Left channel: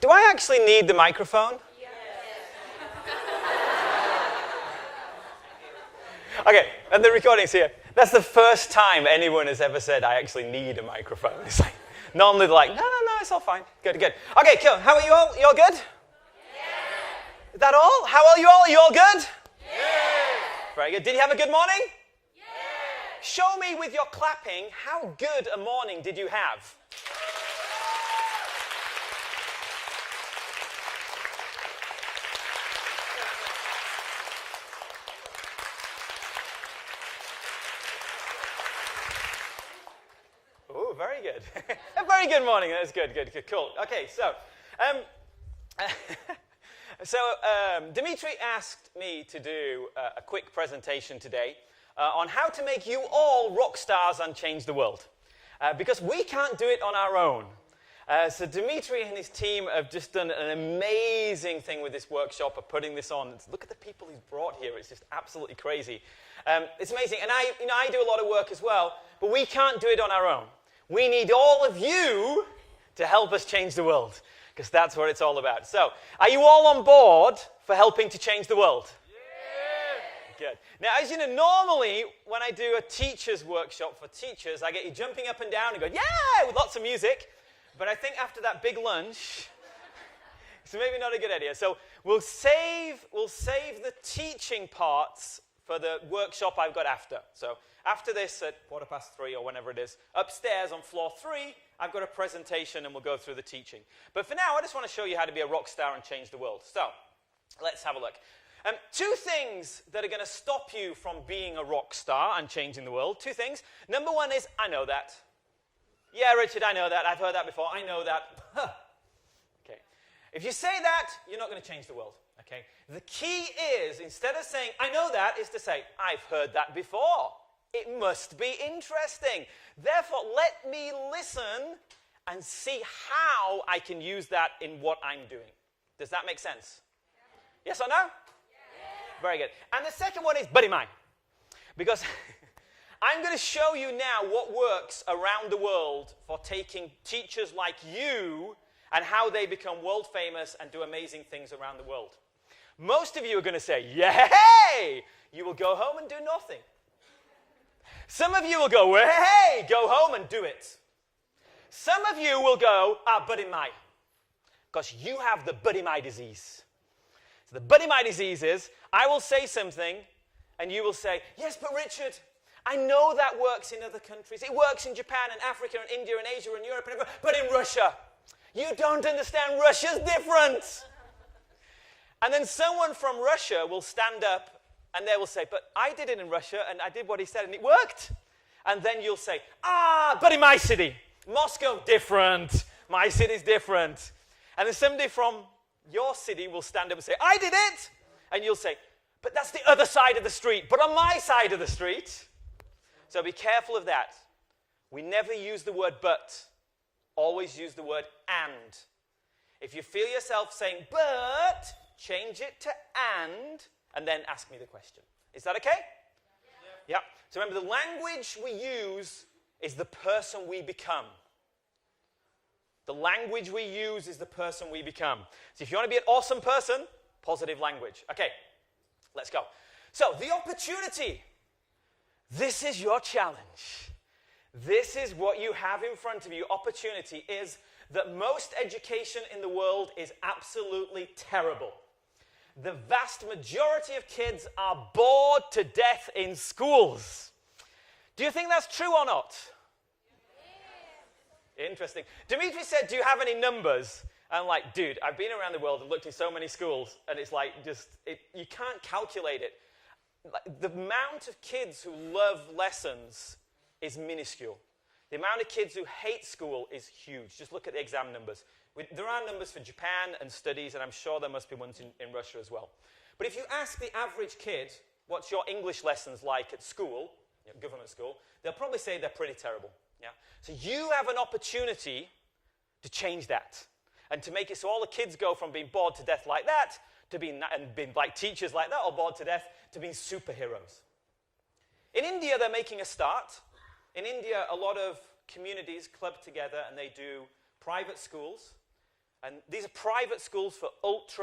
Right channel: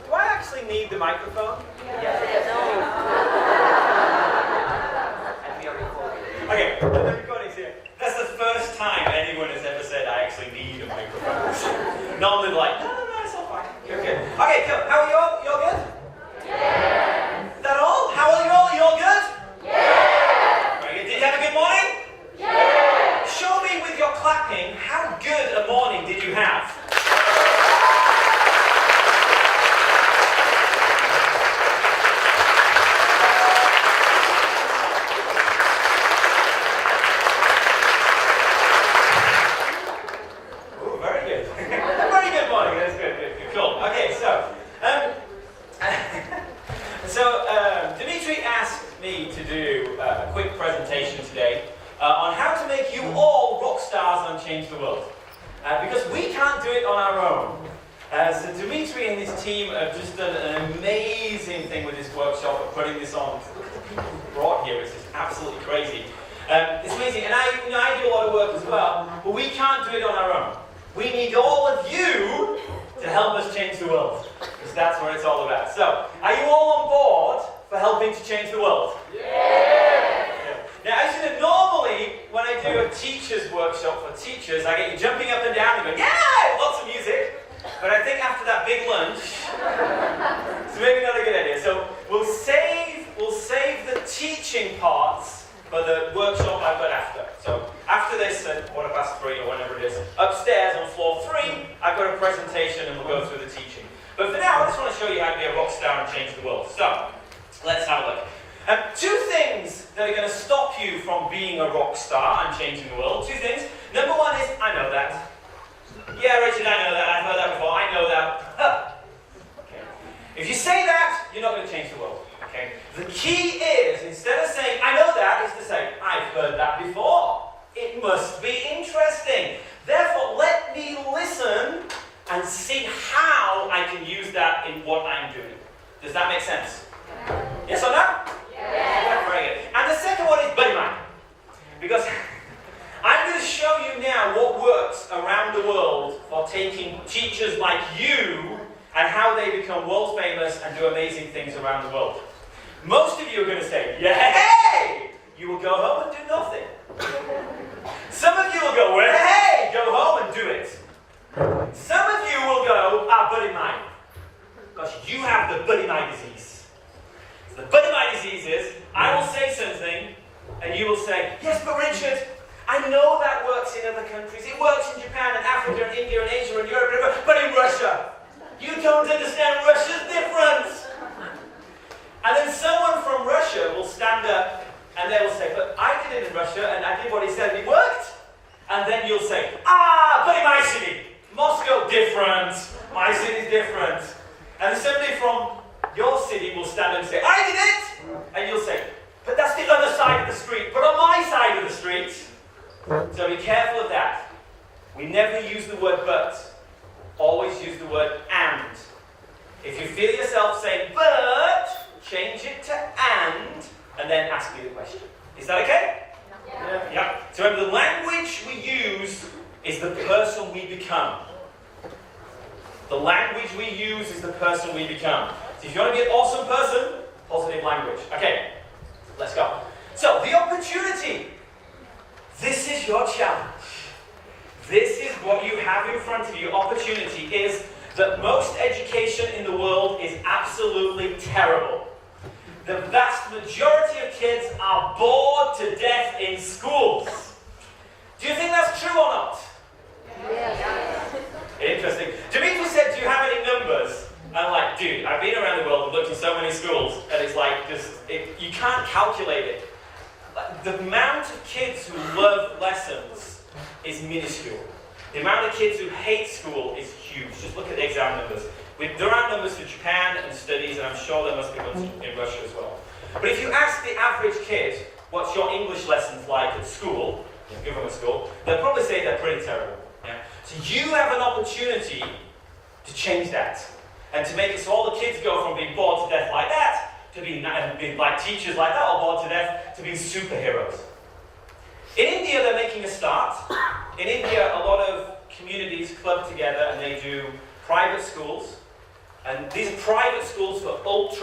Do I actually need the microphone? Okay, and the recording's here. That's the first time anyone has ever said I actually need a microphone. Normally they're like, no, it's all fine. Good. Okay, cool. How are you all? You all good? Yeah. That all? How are you all? Are you all good? Yeah. Very good. Did you have a good morning? Yeah. Show me with your clapping how good a morning did you have? Because we can't do it on our own. So Dimitri and his team have just done an amazing thing with this workshop of putting this on. Look at the people who brought here. It's just absolutely crazy. It's amazing. And I do a lot of work as well, but we can't do it on our own. We need all of you to help us change the world, because that's what it's all about. So, are you all on board for helping to change the world? Yeah. Now, as you know, normally when I do a teacher's workshop for teachers, I get you jumping up and down and going, yeah, lots of music. But I think after that big lunch, it's maybe not a good idea. So we'll save the teaching parts for the workshop I've got after. So after this, at 3:15 or whenever it is, upstairs on floor 3, I've got a presentation and we'll go through the teaching. But for now, I just want to show you how to be a rock star and change the world. So let's have a look. Two things that are going to stop you from being a rock star and changing the world. Two things. Number one is, I know that. Yeah, Richard, I know that. I've heard that before. I know that. Okay. If you say that, you're not going to change the world. Okay. The key is, instead of saying, I know that, is to say, I've heard that before. It must be interesting. Therefore, let me listen and see how I can use that in what I'm doing. Does that make sense? Yes or no? Yeah, very good. And the second one is buddy mine. Because I'm going to show you now what works around the world for taking teachers like you and how they become world famous and do amazing things around the world. Most of you are going to say, hey! You will go home and do nothing. Some of you will go, hey! Go home and do it. Some of you will go, buddy mine. Because you have the buddy mine disease. The buddy my disease is, I will say something, and you will say, yes, but Richard, I know that works in other countries. It works in Japan and Africa and India and Asia and Europe, but in Russia, you don't understand. Russia's different. And then someone from Russia will stand up, and they will say, but I did it in Russia, and I did what he said, and it worked. And then you'll say, but in my city, Moscow, different. My city's different. And then somebody from your city will stand up and say, I did it! And you'll say, but that's the other side of the street, but on my side of the street. So be careful of that. We never use the word but, always use the word and. If you feel yourself saying but, change it to and then ask me the question. Is that okay? Yeah. So remember, the language we use is the person we become. The language we use is the person we become. So if you want to be an awesome person, positive language. Okay, let's go. So, the opportunity. This is your challenge. This is what you have in front of you. Opportunity is that most education in the world is absolutely terrible. The vast majority of kids are bored to death in schools. Do you think that's true or not? Yeah. Interesting. Dimitri said, do you have any numbers? And I'm like, dude, I've been around the world and looked in so many schools, and it's like, you can't calculate it. The amount of kids who love lessons is minuscule. The amount of kids who hate school is huge. Just look at the exam numbers. There are numbers for Japan and studies, and I'm sure there must be ones in Russia as well. But if you ask the average kid, what's your English lessons like at school, if you're from a school, they'll probably say they're pretty terrible. Yeah? So you have an opportunity to change that. And to make it so all the kids go from being bored to death like that, to being like teachers like that, or bored to death, to being superheroes. In India, they're making a start. In India, a lot of community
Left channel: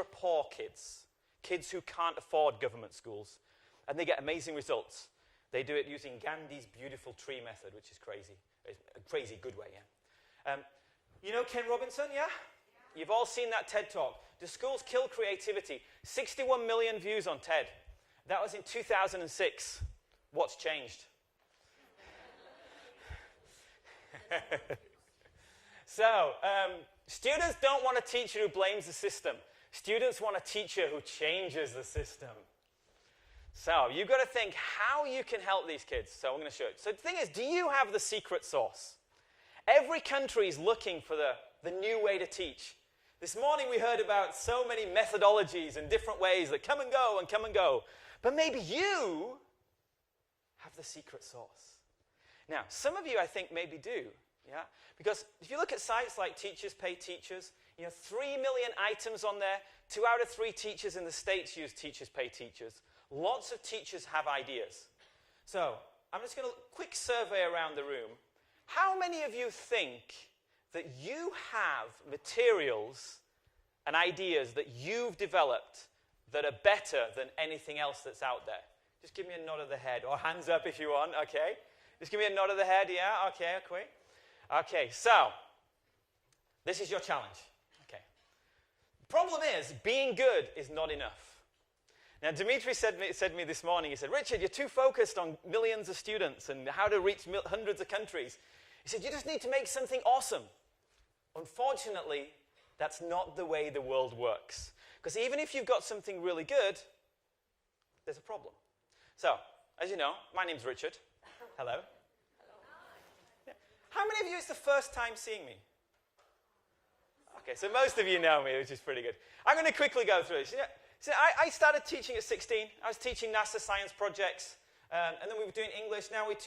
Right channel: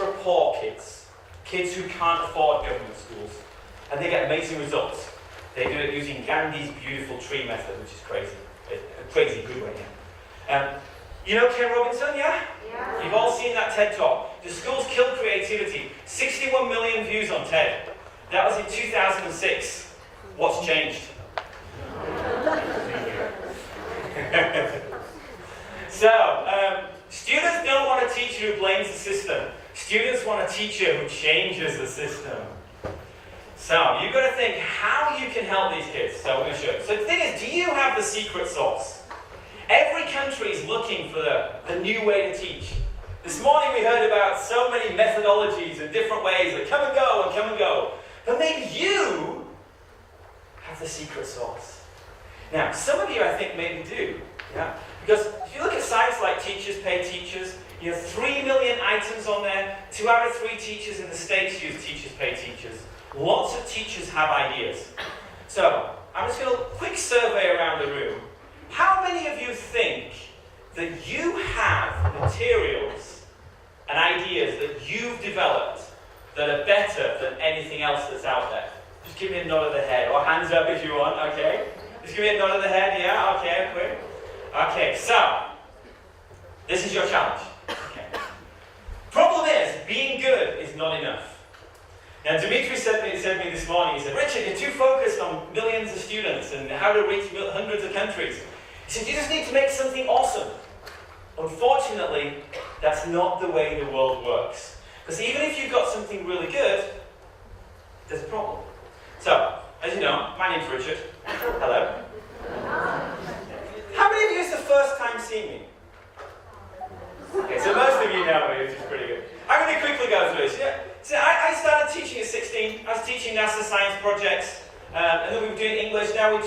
ultra-poor kids, kids who can't afford government schools, and they get amazing results. They do it using Gandhi's beautiful tree method, which is crazy. A crazy good way, yeah. You know Ken Robinson, yeah? Yeah. You've all seen that TED Talk. The schools kill creativity. 61 million views on TED. That was in 2006. What's changed? So, students don't want a teacher who blames the system. Students want a teacher who changes the system. So, you've got to think how you can help these kids. So, we're going to show you. So, the thing is, do you have the secret sauce? Every country is looking for the new way to teach. This morning we heard about so many methodologies and different ways that come and go and come and go. But maybe you have the secret sauce. Now, some of you I think maybe do. Yeah? Because if you look at sites like Teachers Pay Teachers, you have 3 million items on there. 2 out of 3 teachers in the States use Teachers Pay Teachers. Lots of teachers have ideas. So, I'm just going to do a quick survey around the room. How many of you think that you have materials and ideas that you've developed that are better than anything else that's out there? Just give me a nod of the head, or hands up if you want, okay? Just give me a nod of the head, yeah? Okay, quick. Okay, so, this is your challenge. Okay. Problem is, being good is not enough. Now, Dimitri said to me this morning, he said, Richard, you're too focused on millions of students and how to reach hundreds of countries. He said, you just need to make something awesome. Unfortunately, that's not the way the world works. Because even if you've got something really good, there's a problem. So, as you know, my name's Richard. Hello. How many of you is the first time seeing me? Okay, so most of you know me, which is pretty good. I'm going to quickly go through this. Yeah. So I started teaching at 16. I was teaching NASA science projects. And then we were doing English. Now we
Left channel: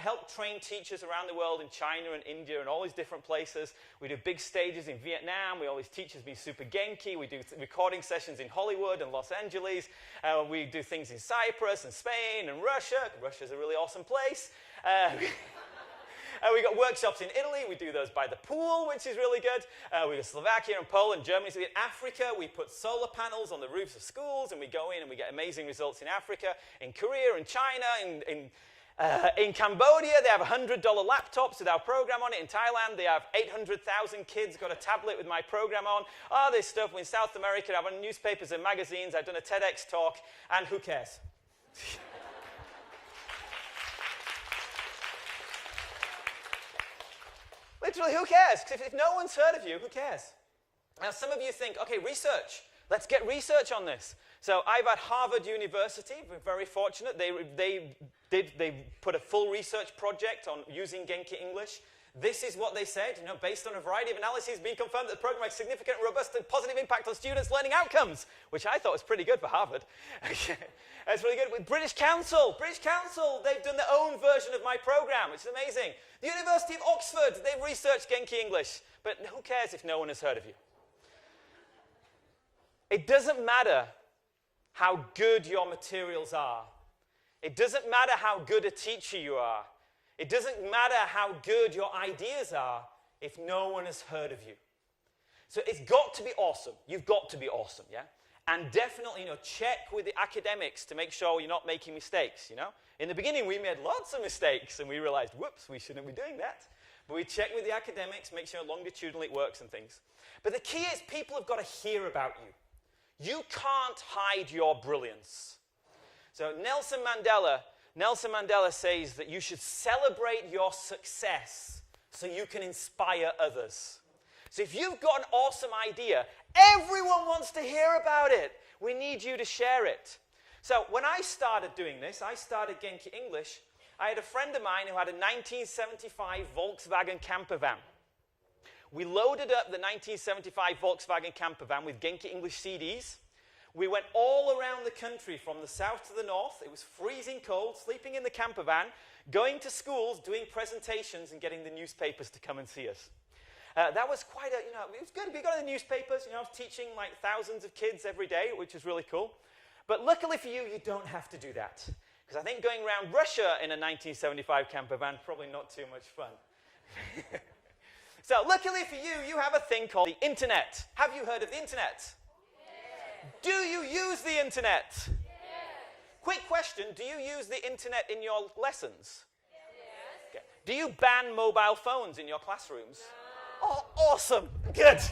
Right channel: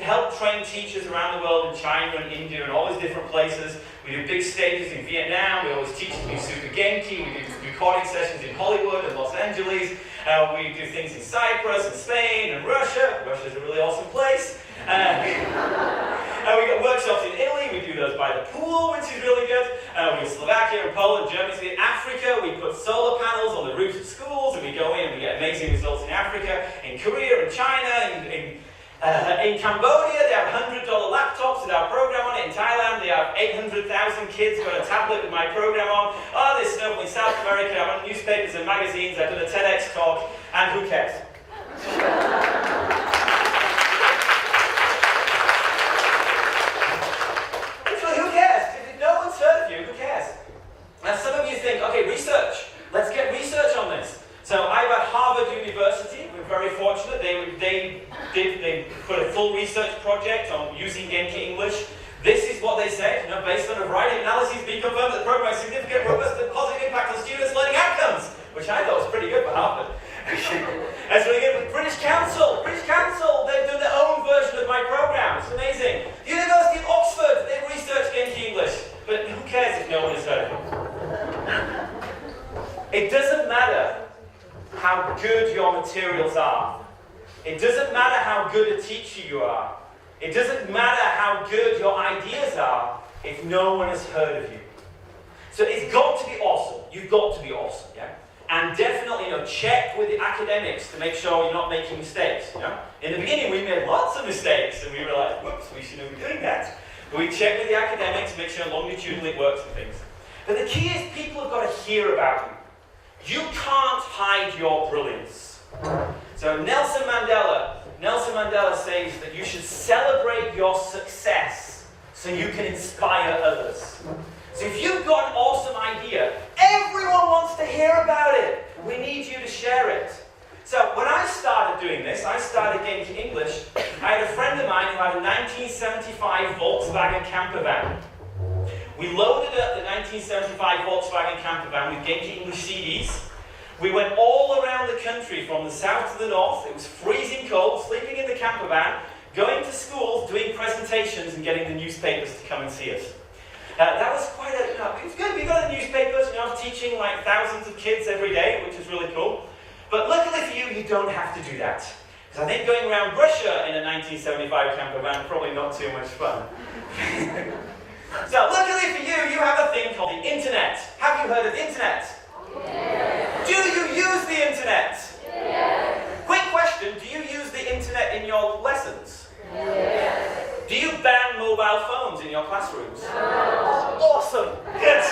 help train teachers around the world in China and India and all these different places. We do big stages in Vietnam. We always teach them to do super genki. We do recording sessions in Hollywood and Los Angeles. We do things in Cyprus and Spain and Russia. Russia's a really awesome place. We get workshops in Italy. We do those by the pool, which is really good. We do Slovakia and Poland, Germany, in Africa. We put solar panels on the roofs of schools, and we go in and we get amazing results in Africa, in Korea, in China, in Cambodia. They have $100 laptops with our program on it. In Thailand, they have 800,000 kids got a tablet with my program on. Oh, there's stuff in South America. I run newspapers and magazines. I've done a TEDx talk, and who cares? Research. Let's get research on this. So I'm at Harvard University. We're very fortunate. They put a full research project on using genki English. This is what they said. Based on a variety of analyses, we confirmed that the program has significant, robust, and positive impact on students' learning outcomes, which I thought was pretty good for Harvard. As we get with British Council, they've done their own version of my program. It's amazing. University of Oxford, they've researched genki English, but who cares if no one has heard of it? It doesn't matter how good your materials are. It doesn't matter how good a teacher you are. It doesn't matter how good your ideas are if no one has heard of you. So it's got to be awesome. You've got to be awesome, yeah? And definitely, check with the academics to make sure you're not making mistakes, In the beginning, we made lots of mistakes, and we were like, whoops, we shouldn't be doing that. But we check with the academics to make sure longitudinally it works and things. But the key is people have got to hear about you. You can't hide your brilliance. So Nelson Mandela says that you should celebrate your success so you can inspire others. So if you've got an awesome idea, everyone wants to hear about it. We need you to share it. So when I started doing this, I started genki English. I had a friend of mine who had a 1975 Volkswagen camper van. We loaded up the 1975 Volkswagen camper van with genki English CDs. We went all around the country from the south to the north. It was freezing cold, sleeping in the camper van, going to schools, doing presentations, and getting the newspapers to come and see us. That was quite a, it's good. We got the newspapers, I was teaching like thousands of kids every day, which was really cool. But luckily for you, you don't have to do that. Because I think going around Russia in a 1975 camper van, probably not too much fun. So luckily for you, you have a thing called the internet. Have you heard of the internet? Yeah. internet? Yes. Quick question, do you use the internet in your lessons? Yes. Do you ban mobile phones in your classrooms? No. Awesome! Good!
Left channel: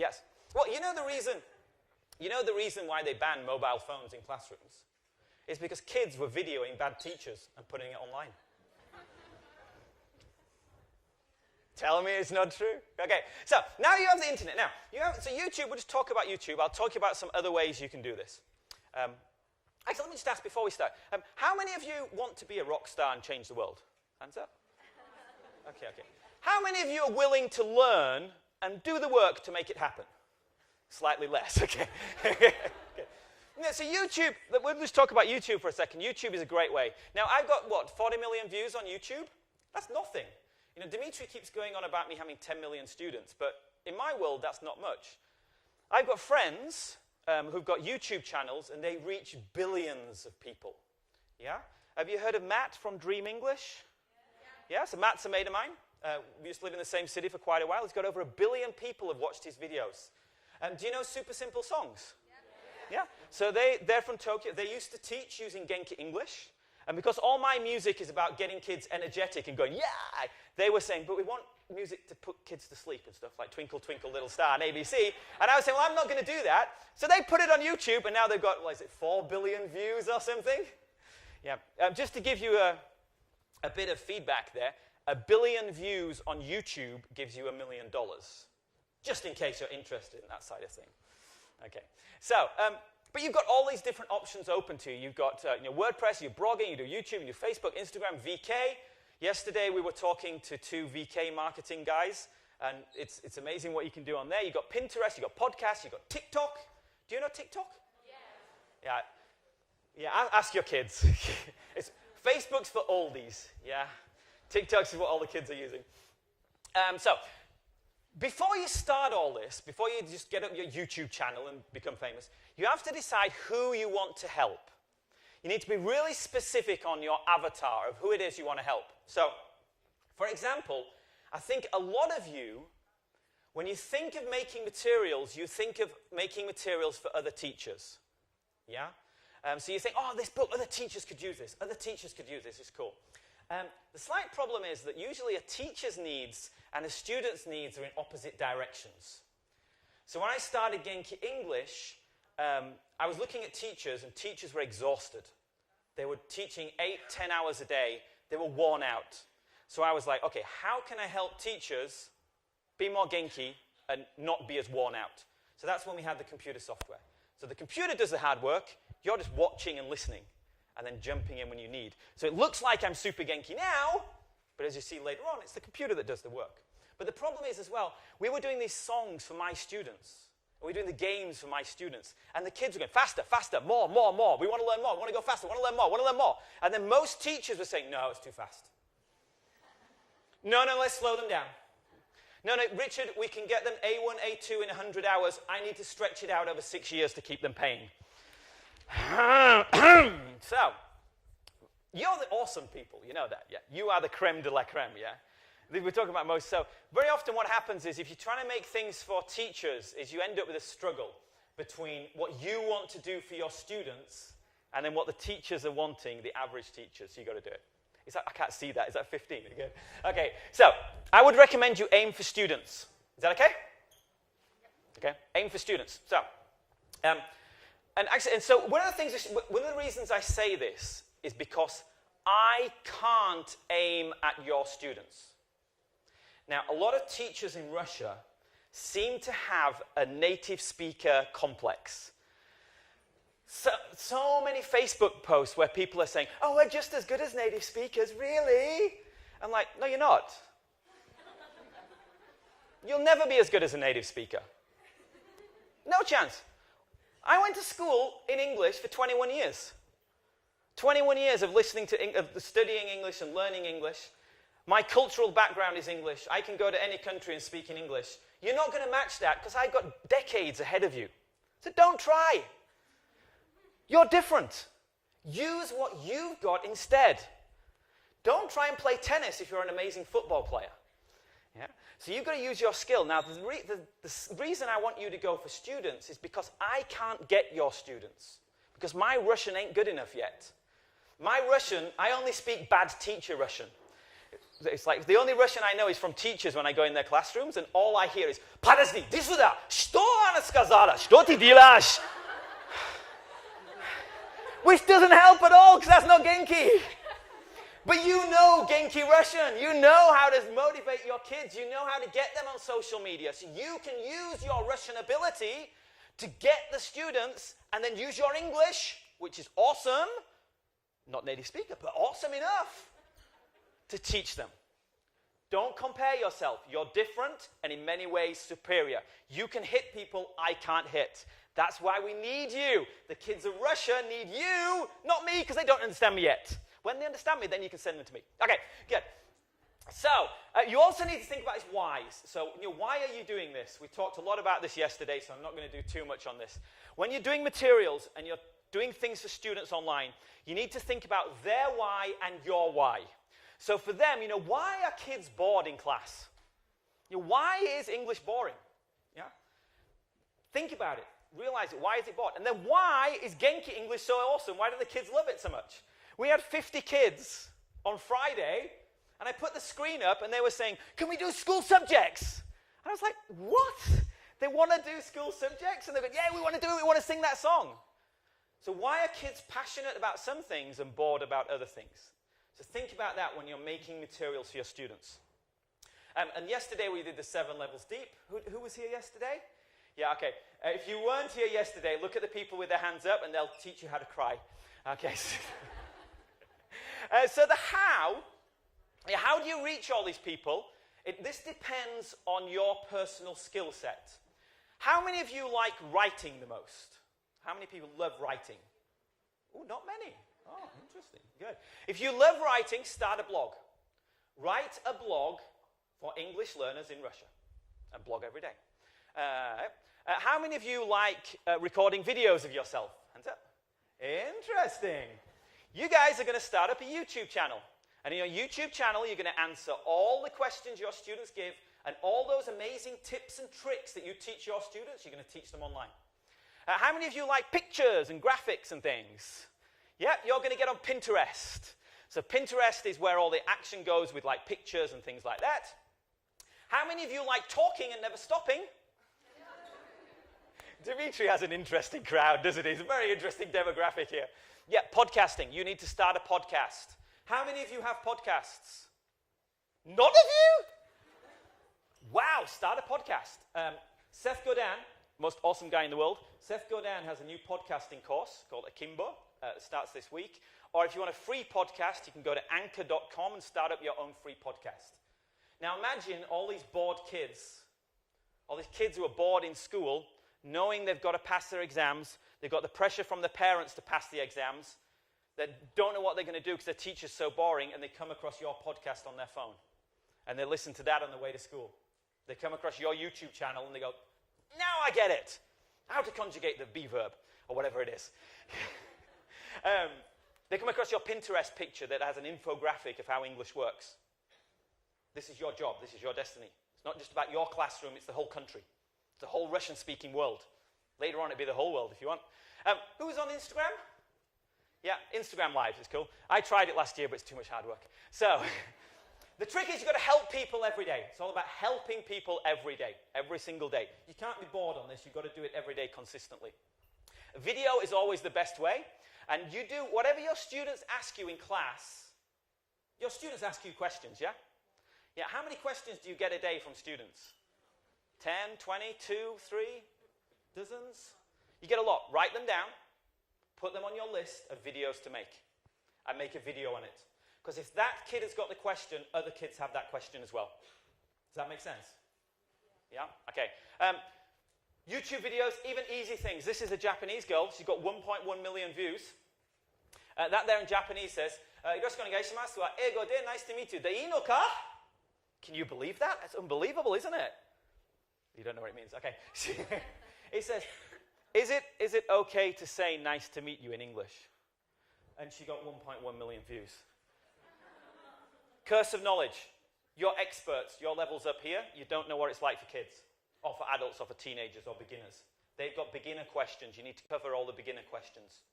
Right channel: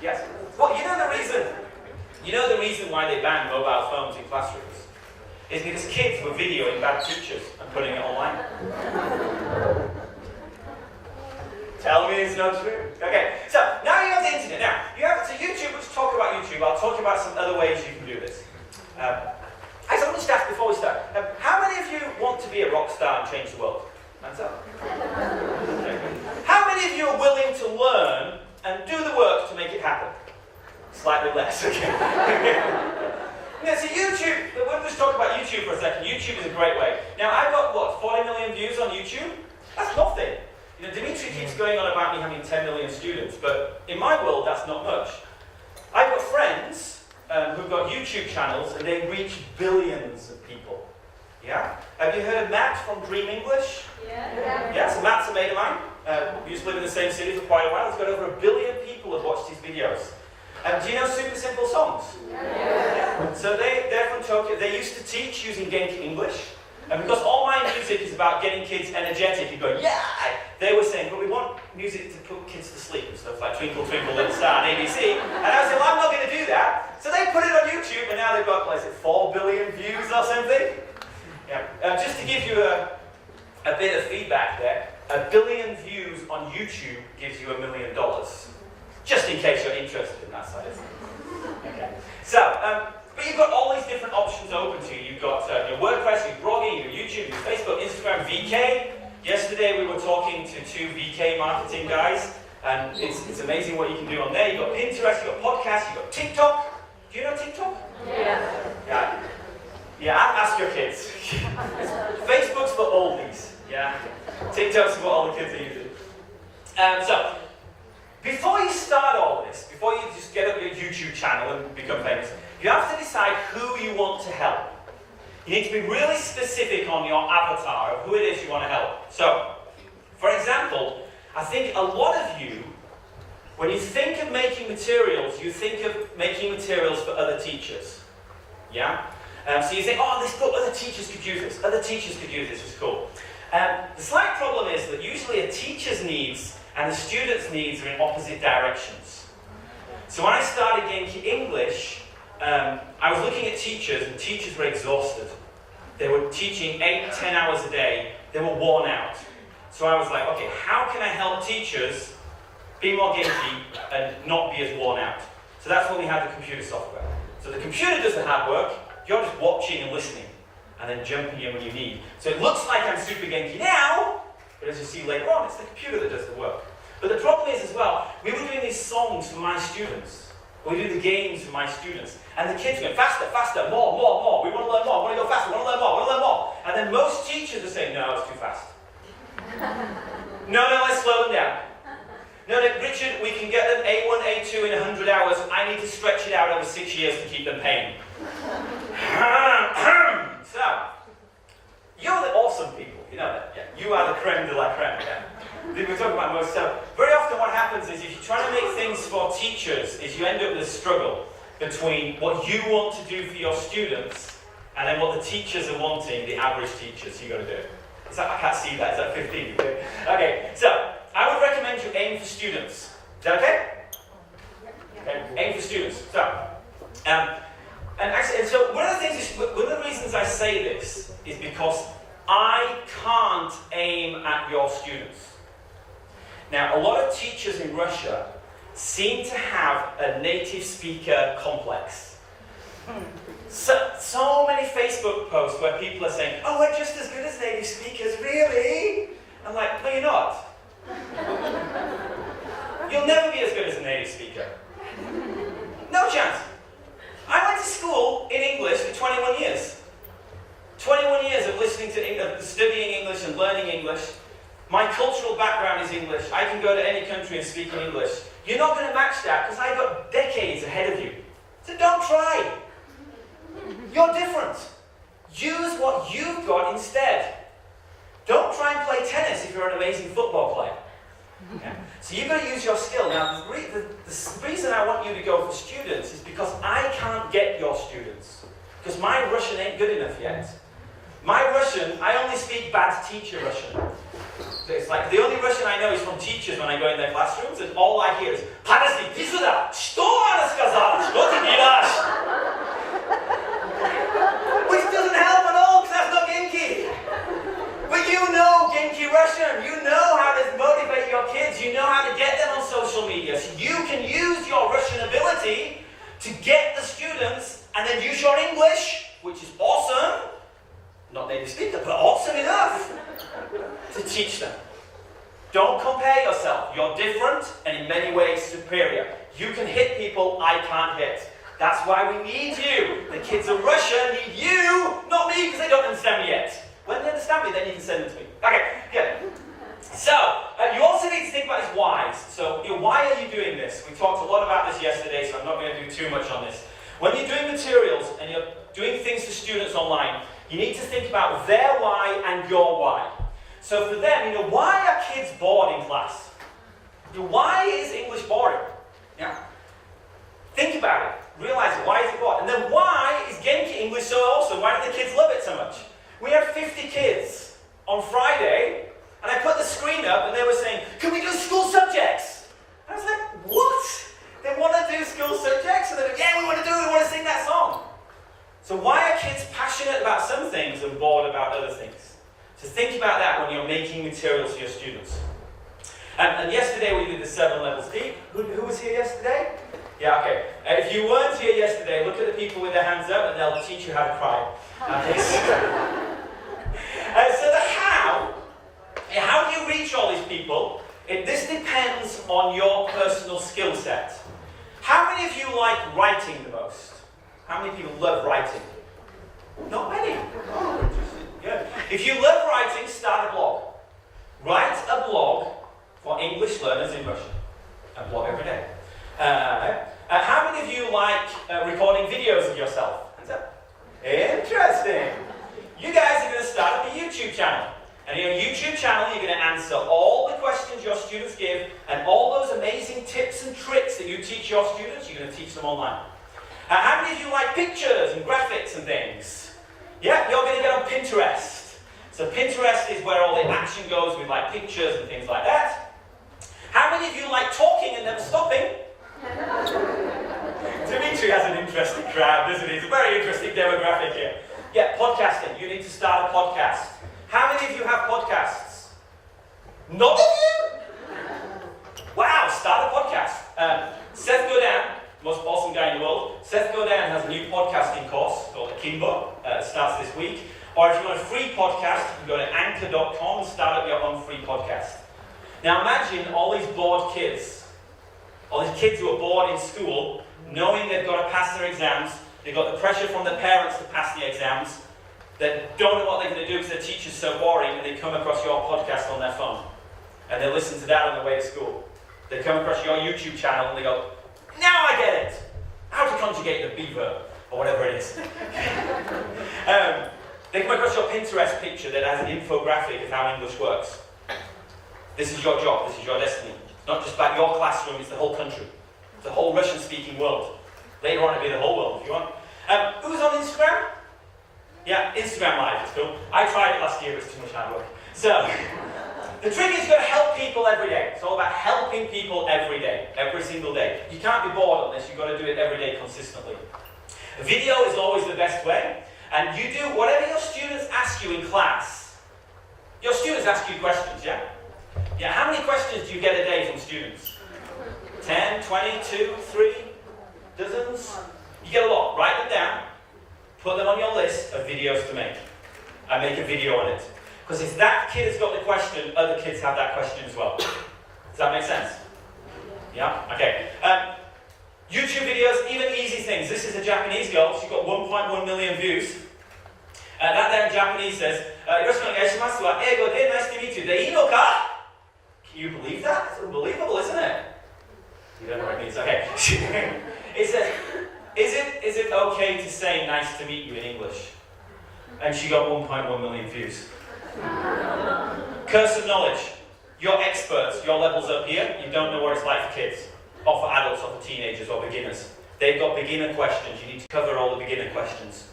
Yes. Well, you know the reason why they ban mobile phones in classrooms is because kids were videoing bad teachers and putting it online. Tell me it's not true. Okay, so now you have the internet. Now, you have to YouTube. Let's talk about YouTube. I'll talk about some other ways you can do this. I want to ask before we start. How many of you want to be a rock star and change the world? Hands up. How many of you are willing to learn and do the work to make it happen? Slightly less, okay. Yeah, so YouTube, we'll just talk about YouTube for a second. YouTube is a great way. Now, I've got, 40 million views on YouTube? That's nothing. You know, Dimitri keeps going on about me having 10 million students, but in my world, that's not much. I've got friends who've got YouTube channels, and they reach billions of people. Yeah? Have you heard of Matt from Dream English? Yeah. Yeah, so Matt's a mate of mine. We used to live in the same city for quite a while. He's got over 1 billion people have watched his videos. Do you know Super Simple Songs? Yeah. So they're from Tokyo. They used to teach using genki English. And because all my music is about getting kids energetic and going, yeah! They were saying, well, we want music to put kids to sleep and stuff like Twinkle, Twinkle, Little Star and ABC. And I was like, well, I'm not going to do that. So they put it on YouTube, and now they've got, 4 billion views or something. Yeah. Just to give you a bit of feedback there, 1 billion views on YouTube gives you $1 million. Just in case you're interested in that side. Okay. So, but you've got all these different options open to you. You've got your WordPress, your blogging, your YouTube, your Facebook, Instagram, VK. Yesterday we were talking to 2 VK marketing guys, and it's amazing what you can do on there. You've got Pinterest, you've got podcasts, you've got TikTok. Do you know TikTok? Yeah. Yeah, ask your kids. Facebook's for oldies. Yeah. TikTok's for all the kids that use it. So, before you start all this, before you just get up your YouTube channel and become famous, you have to decide who you want to help. You need to be really specific on your avatar of who it is you want to help. So, for example, I think a lot of you, when you think of making materials, you think of making materials for other teachers. Yeah? So you think, oh, this book, other teachers could use this, other teachers could use this, it's cool. The slight problem is that usually a teacher's needs and the student's needs are in opposite directions. So when I started Genki English, I was looking at teachers, and teachers were exhausted. They were teaching 8, 10 hours a day. They were worn out. So I was like, okay, how can I help teachers be more Genki and not be as worn out? So that's when we had the computer software. So the computer does the hard work. You're just watching and listening, and then jumping in when you need. So it looks like I'm super Genki now, but as you see later on, it's the computer that does the work. But the problem is as well, we were doing these songs for my students. We do the games for my students. And the kids went faster, faster, more, more, more. We want to learn more, we want to go faster, we want to learn more, we want to learn more. And then most teachers are saying, no, it's too fast. No, let's slow them down. No, Richard, we can get them A1, A2 in 100 hours. I need to stretch it out over 6 years to keep them paying. So, you're the awesome people, you know that, yeah? You are the creme de la creme, yeah? We're talking about most stuff. Very often what happens is if you're trying to make things for teachers, is you end up with a struggle between what you want to do for your students and then what the teachers are wanting, the average teachers, you've got to do. I can't see that, is that 15? Okay, so, I would recommend you aim for students. Is that okay? Okay, aim for students. So, so one of the reasons I say this is because I can't aim at your students. Now, a lot of teachers in Russia seem to have a native speaker complex. So many Facebook posts where people are saying, oh, we're just as good as native speakers, really? I'm like, no, you're not. You'll never be as good as a native speaker. No chance. I went to school in English for 21 years. 21 years of listening to studying English and learning English. My cultural background is English. I can go to any country and speak in English. You're not going to match that because I've got decades ahead of you. So don't try. You're different. Use what you've got instead. Don't try and play tennis if you're an amazing football player. Okay? So you've got to use your skill. Now, the reason I want you to go for students is because I can't get because my Russian ain't good enough yet. My Russian, I only speak bad teacher Russian. It's like the only Russian I know is from teachers when I go in their classrooms, and all I hear is "Подожди, иди сюда! Что она сказала? Что ты делаешь?" Which doesn't help at all, because that's not genki. But you know genki Russian. You know how to motivate your kids. You know how to get them on social media. So you can use your Russian ability to get the students, and then use your English, which is awesome. Not native speaker, but awesome enough to teach them. Don't compare yourself. You're different and in many ways superior. You can hit people I can't hit. That's why we need you. The kids of Russia need you, not me, because they don't understand me yet. When they understand me, then you can send them to me. Okay, good. So, you also need to think about his whys. So, why are you doing this? We talked a lot about this yesterday, so I'm not going to do too much on this. When you're doing materials and you're doing things to students online, you need to think about their why and your why. So for them, why are kids bored in class? Why is English boring? Yeah. Think about it. Realize why is it boring? And then why is genki English so awesome? Why do the kids love it so much? We had 50 kids on Friday, and I put the screen up, and they were saying, "Can we do school subjects?" And I was like, what? They want to do school subjects? And they're like, "Yeah, we want to do it. We want to sing that song." So why are kids passionate about some things and bored about other things? So think about that when you're making materials for your students. And yesterday we did the 7 levels deep. Who was here yesterday? Yeah, okay. If you weren't here yesterday, look at the people with their hands up and they'll teach you how to cry. Okay. So the how do you reach all these people? This depends on your personal skill set. How many of you like writing the most? How many people love writing? Not many. Oh, interesting. Good. If you love writing, start a blog. Write a blog for English learners in Russian. A blog every day. How many of you like recording videos of yourself? Hands up. Interesting. You guys are going to start up a YouTube channel. And in your YouTube channel, you're going to answer all the questions your students give, and all those amazing tips and tricks that you teach your students, you're going to teach them online. How many of you like pictures and graphics and things? Yeah, you're going to get on Pinterest. So Pinterest is where all the action goes with like pictures and things like that. How many of you like talking and never stopping? Dimitri has an interesting crowd, doesn't he? It's a very interesting demographic here. Yeah, podcasting. You need to start a podcast. How many of you have podcasts? None of you? Wow, start a podcast. Seth Godin, most awesome guy in the world. Seth Godin has a new podcasting course called Akimbo. Starts this week. Or if you want a free podcast, you can go to anchor.com and start up your own free podcast. Now imagine all these bored kids. All these kids who are bored in school, knowing they've got to pass their exams. They've got the pressure from their parents to pass the exams. They don't know what they're going to do because their teacher's so boring, and they come across your podcast on their phone. And they listen to that on the way to school. They come across your YouTube channel and they go, "Now I get it! How to conjugate the B verb," or whatever it is. They come across your Pinterest picture that has an infographic of how English works. This is your job, this is your destiny. It's not just about your classroom, it's the whole country. It's the whole Russian-speaking world. Later on it'll be the whole world if you want. Who's on Instagram? Yeah, Instagram Live is cool. I tried it last year, it was too much hard work. So, the trick is you've got to help people every day. It's all about helping people every day, every single day. You can't be bored unless you've got to do it every day consistently. Video is always the best way, and you do whatever your students ask you in class. Your students ask you questions, yeah? Yeah, how many questions do you get a day from students? 10, 20, 2, 3, dozens? You get a lot. Write them down. Put them on your list of videos to make. And make a video on it. Because if that kid has got the question, other kids have that question as well. Does that make sense? Yeah? Okay. YouTube videos, even easy things. This is a Japanese girl. She's got 1.1 million views. That there in Japanese says, "Yoroshiku onegaishimasu wa eigo de nice to meet you de ii no ka?" Can you believe that? It's unbelievable, isn't it? You don't know what it means. Okay. It says, is it okay to say nice to meet you in English? And she got 1.1 million views. Curse of knowledge. You're experts. Your level's up here. You don't know what it's like for kids. Or for adults, or for teenagers, or beginners. They've got beginner questions. You need to cover all the beginner questions.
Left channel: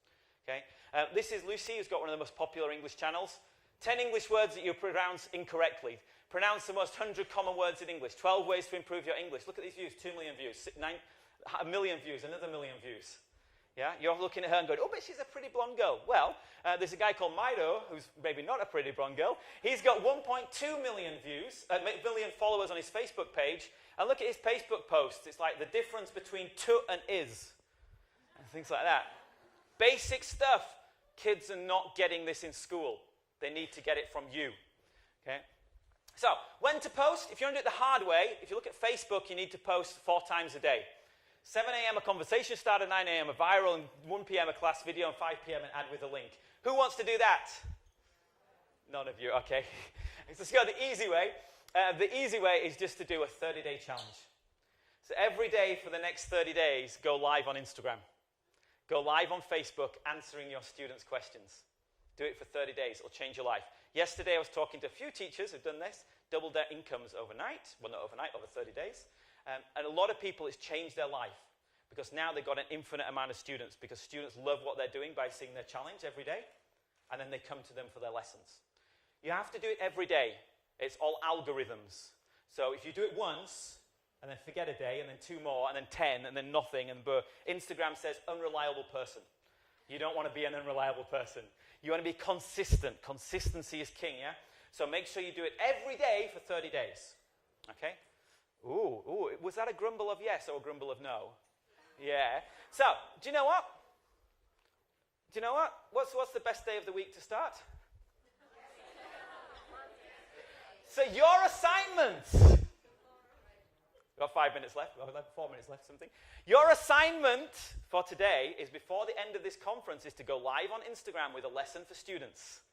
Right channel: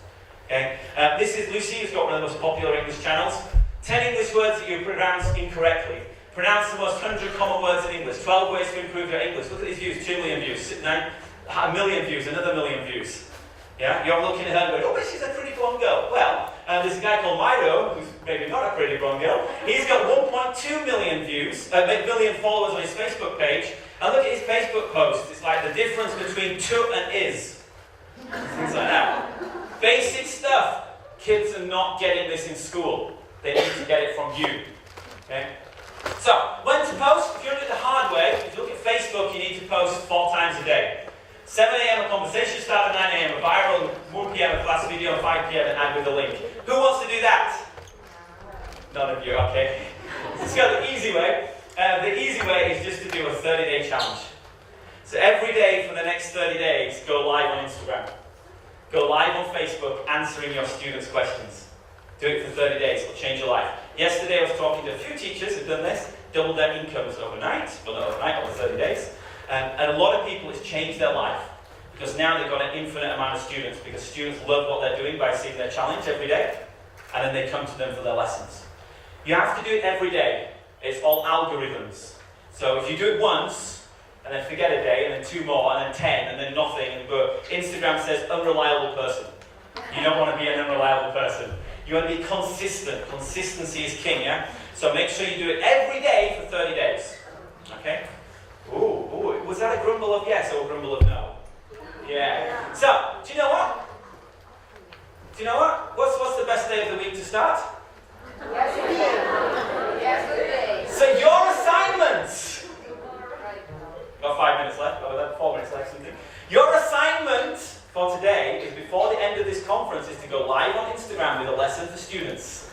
Okay? This is Lucy, who's got one of the most popular English channels. 10 English words that you pronounce incorrectly. Pronounce the most 100 common words in English. 12 ways to improve your English. Look at these views, 2 million views. 1 million views, another million views. Yeah? You're looking at her and going, oh, but she's a pretty blonde girl. Well, there's a guy called Mido, who's maybe not a pretty blonde girl. He's got 1.2 million views, million followers on his Facebook page. And look at his Facebook post. It's like the difference between to and is. Things like that. Basic stuff. Kids are not getting this in school. They need to get it from you. Okay? So, when to post? If you're doing it the hard way, if you look at Facebook, you need to post 4 times a day. 7 a.m. a conversation start at 9 a.m. a viral, 1 p.m. a class video, and 5 p.m. an ad with a link. Who wants to do that? None of you, okay. Let's go the easy way. The easy way is just to do a 30-day challenge. So every day for the next 30 days, go live on Instagram. Go live on Facebook answering your students' questions. Do it for 30 days, it'll change your life. Yesterday I was talking to a few teachers who've done this, doubled their incomes overnight, well not overnight, over 30 days. And a lot of people, it's changed their life. Because now they've got an infinite amount of students, because students love what they're doing by seeing their challenge every day, and then they come to them for their lessons. You have to do it every day. It's all algorithms. So if you do it once, and then forget a day, and then 2 more, and then 10, and then nothing, but Instagram says unreliable person. You don't want to be an unreliable person. You want to be consistent. Consistency is king, yeah? So make sure you do it every day for 30 days. Okay? Ooh, was that a grumble of yes or a grumble of no? Yeah. So, do you know what? What's the best day of the week to start? Yesterday. So your assignment. Got 5 minutes left. 4 minutes left. Something. Your assignment for today is before the end of this conference is to go live on Instagram with a lesson for students.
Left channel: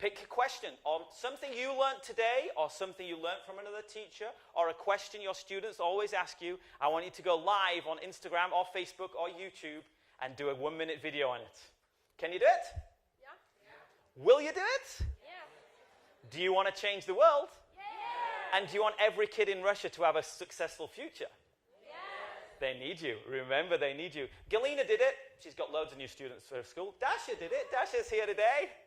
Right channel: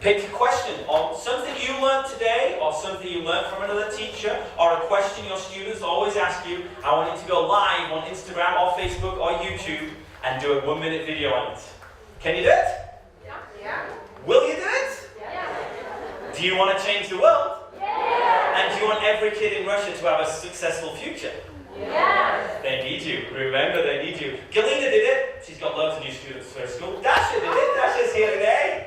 Pick a question on something you learned today, or something you learned from another teacher, or a question your students always ask you. I want you to go live on Instagram or Facebook or YouTube and do a 1-minute video on it. Can you do it? Yeah. Will you do it? Yeah. Do you want to change the world? Yeah. And do you want every kid in Russia to have a successful future? Yeah. They need you. Remember, they need you. Galina did it. She's got loads of new students for her school. Dasha did it. Dasha's here today.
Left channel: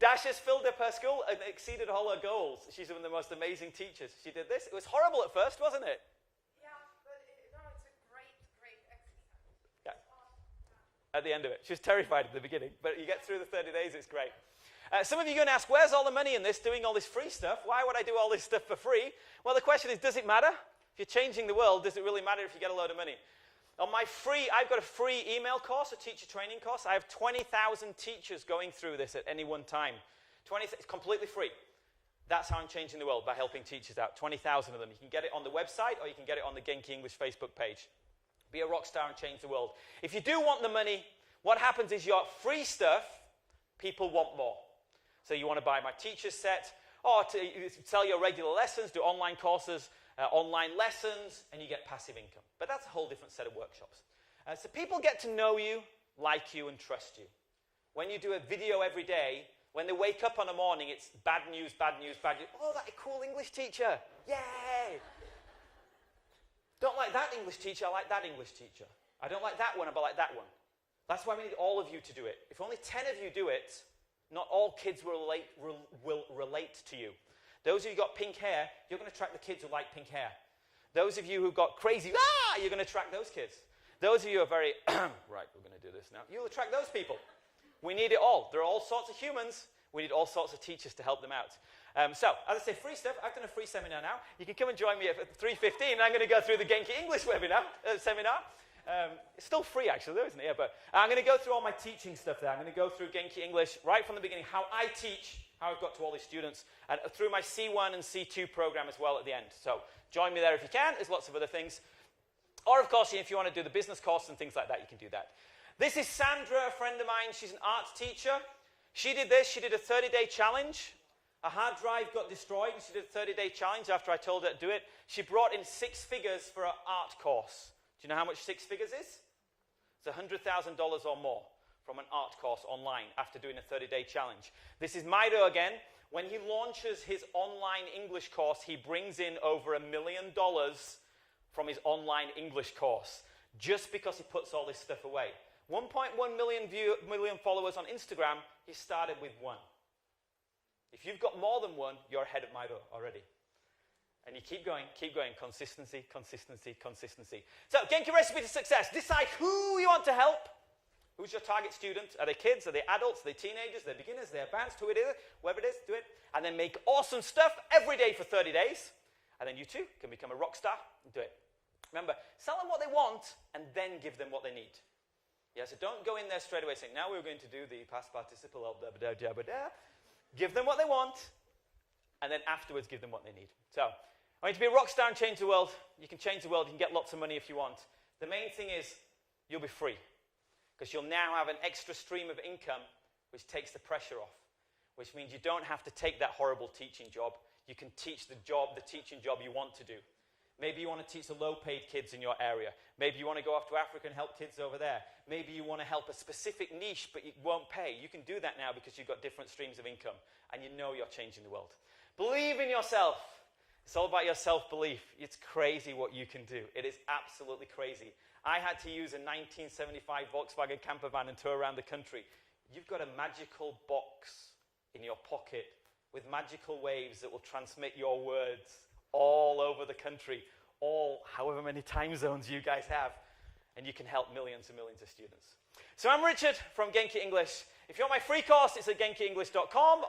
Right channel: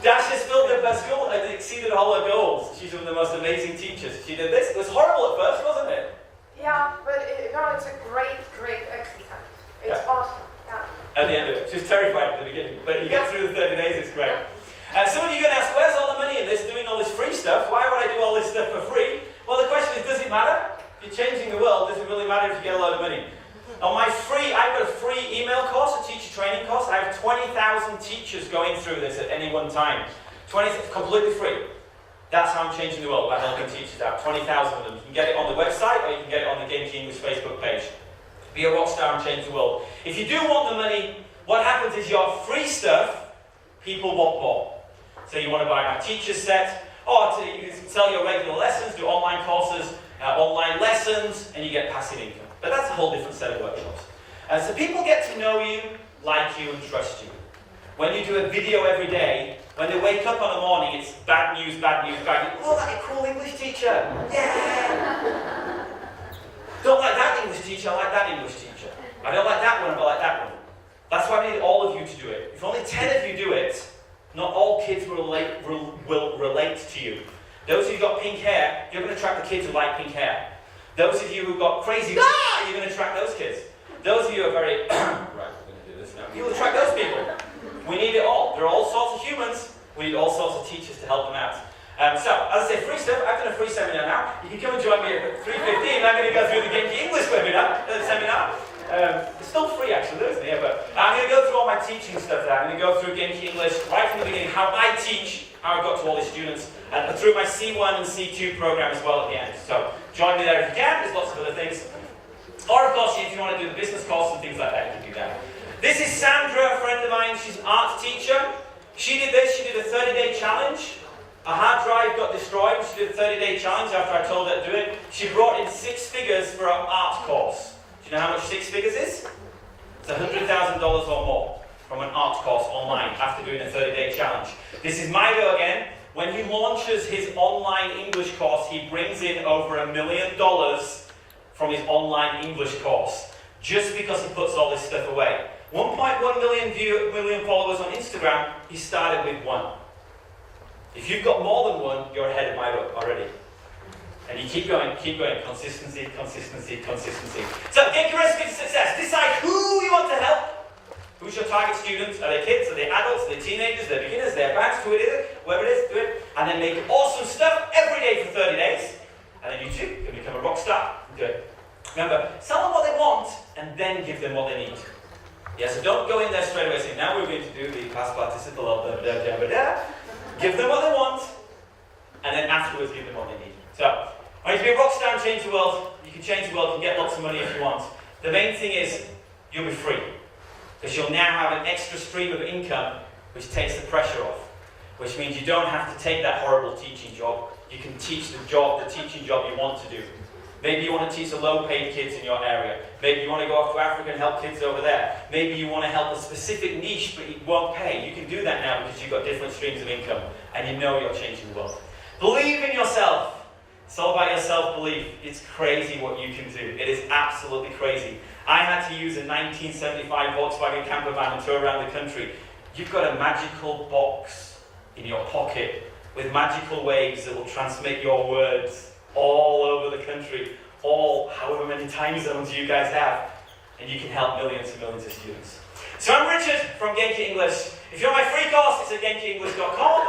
Dasha's filled up her school and exceeded all her goals. She's one of the most amazing teachers. She did this. It was horrible at first, wasn't it? Yeah, but it's a great exercise. It's awesome. Yeah. At the end of it. She was terrified at the beginning. But you get through the 30 days, it's great. Some of you are going to ask, where's all the money in this, doing all this free stuff? Why would I do all this stuff for free? Well, the question is, does it matter? If you're changing the world, does it really matter if you get a lot of money? On my I've got a free email course, a teacher training course. I have 20,000 teachers going through this at any one time. 20, completely free. That's how I'm changing the world, by helping teachers out. 20,000 of them. You can get it on the website, or you can get it on the Genki English Facebook page. Be a rock star and change the world. If you do want the money, what happens is your free stuff, people want more. So you want to buy my teacher set, or you sell your regular lessons, do online courses, online lessons, and you get passive income. But that's a whole different set of workshops. So people get to know you, like you, and trust you. When you do a video every day, when they wake up on the morning, it's bad news, bad news, bad news. Oh, that cool English teacher. Yeah. Don't like that English teacher, I like that English teacher. I don't like that one, but I like that one. That's why I need all of you to do it. If only 10 of you do it, not all kids will relate to you. Those of you who've got pink hair, you're going to attract the kids who like pink hair. Those of you who've got crazy you're going to attract those kids. Those of you who are very, right, we're going to do this now. You'll attract those people. We need it all. There are all sorts of humans. We need all sorts of teachers to help them out. So, as I say, free stuff. I've done a free seminar now. You can come and join me at 3:15. I'm going to go through the Genki English seminar. It's still free, actually, isn't it? But I'm going to go through all my teaching stuff there. I'm going to go through Genki English right from the beginning, how I teach, how I got to all the students, and through my C1 and C2 program as well at the end. So, join me there if you can. There's lots of other things. Or, of course, if you want to do the business course and things like that, you can do that. This is Sandra, a friend of mine. She's an arts teacher. She did this. She did a 30-day challenge. Her hard drive got destroyed. She did a 30-day challenge after I told her to do it. She brought in 6 figures for her art course. Do you know how much 6 figures is? It's $100,000 or more from an art course online after doing a 30-day challenge. This is Mido again. When he launches his online English course, he brings in over $1 million from his online English course, just because he puts all this stuff away. 1.1 million followers on Instagram, he started with 1. If you've got more than 1, you're ahead of my book already. And you keep going, consistency, consistency, consistency. So, get your recipe to success. Decide who you want to help. Who's your target students? Are they kids? Are they adults? Are they teenagers? Are they beginners? Are they advanced? Who it is? Whatever it is, do it. And then make awesome stuff every day for 30 days. And then you too can become a rock star. Do it. Remember, sell them what they want and then give them what they need. Yeah, so don't go in there straight away saying, now we're going to do the past participle of da da da da da. Give them what they want and then afterwards give them what they need. So, when you be a rock star and change the world, you can change the world, you can get lots of money if you want. The main thing is, you'll be free. Because you'll now have an extra stream of income which takes the pressure off. Which means you don't have to take that horrible teaching job. You can teach the teaching job you want to do. Maybe you want to teach the low-paid kids in your area. Maybe you want to go off to Africa and help kids over there. Maybe you want to help a specific niche but it won't pay. You can do that now because you've got different streams of income and you know you're changing the world. Believe in yourself. It's all about your self-belief. It's crazy what you can do. It is absolutely crazy. I had to use a 1975 Volkswagen camper van and tour around the country. You've got a magical box in your pocket with magical waves that will transmit your words all over the country, all however many time zones you guys have, and you can help millions and millions of students. So I'm Richard from Genki English. If you want my free course, it's at genkyenglish.com.